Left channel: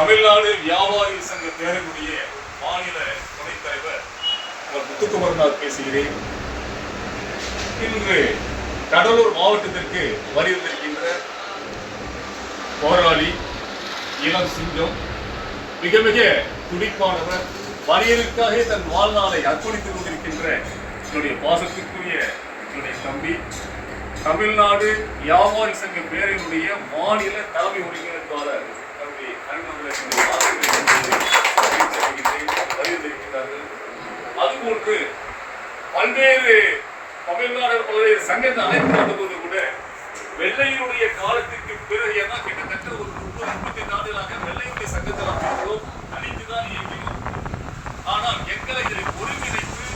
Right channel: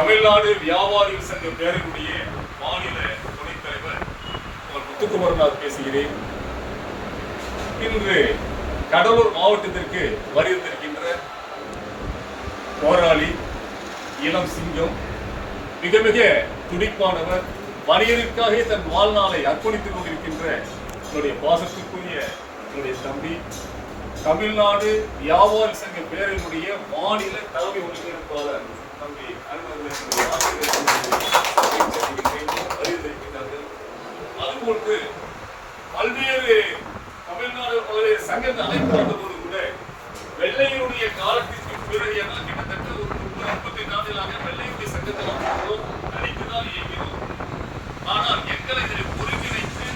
தமிழ்நாடு வியாபாரி சங்க பேரனுடைய மாநில துணைத் தலைவர் உங்கள் முத்துக்குமரநாத் பேசுகிறேன். இன்று கடலூர் மாவட்டத்திற்கு வருகின்ற போராளி இளம் சிங்கம் மிக மிக துடிப்பானவர் வணிகருக்காக தன் வாழ்நாளை அர்ப்பணித்துக் கொண்டிருக்கின்ற என்னுடைய பாசத்துக்குரிய என்னுடைய தம்பி தமிழ்நாடு வியாபாரி சங்க பேரினுடைய மாநில தலைமை ஒருங்கிணைப்பாளர் அதுபோன்று பல்வேறு தமிழ்நாடு பல்வேறு சங்கத்தை அழைத்து வந்தபோது கூட வெள்ளையனுடைய காலத்திற்கு பிறகு ஏன்னா கிட்டத்தட்ட ஒரு முப்பது ஐம்பத்தி நாடுகளாக வெள்ளையுடைய சங்கத்தில் அமைந்தோம் அனைத்து இயங்கினோம் ஆனால் எங்களை இதை ஒருங்கிணைத்து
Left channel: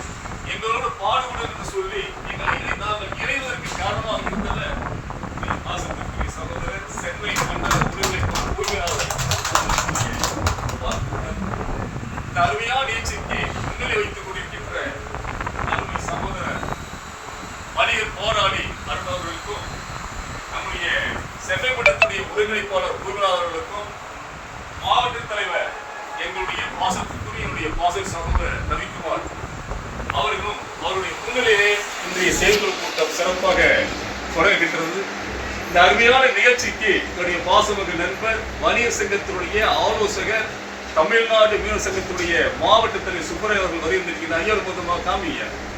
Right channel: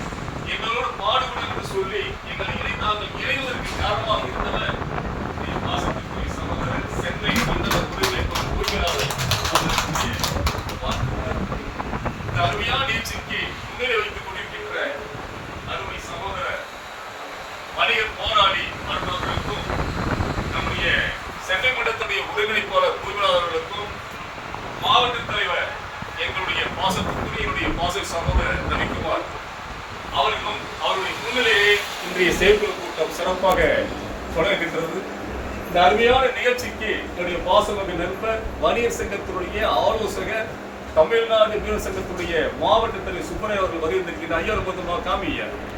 எங்களோடு பாடுபடும் என்று சொல்லி எங்களை இணை நாங்கள் இணைவதற்கு காரணமாக இருந்தன என் சகோதரர் சென்னை மண்டல ஒருங்கிணைப்பு உரிமையாளர் அருமையான நீச்சிற்கு முன்னிலை வைத்துக் கொண்டிருக்கின்ற அருமை சகோதரர் வணிக போராளி அருணவர்களுக்கும் நம்முடைய சென்னை மண்டலத்துடைய ஒருங்கிணைப்பாளர் உரிமையாளர்களுக்கும் மாவட்ட தலைவர் எங்களுடைய பாசத்துக்குரிய என்னுடைய பாச சகோதரர் ரவிக்குமார் அவர்களும் அவருடைய முன்னிலையே இன்றைய செயல்குழு கூட்டம் சிறப்பாக தொடங்குகின்றது. இந்த அருமையான நிகழ்ச்சிக்கு என்னுடைய பாசமக நண்பர் வணிகர் சங்கத்தினுடைய ஆலோசகர் தமிழ்நாடு மீனவ சங்கத்துடைய மாவட்ட தலைவர் que daí eu não vou tomar o caminho.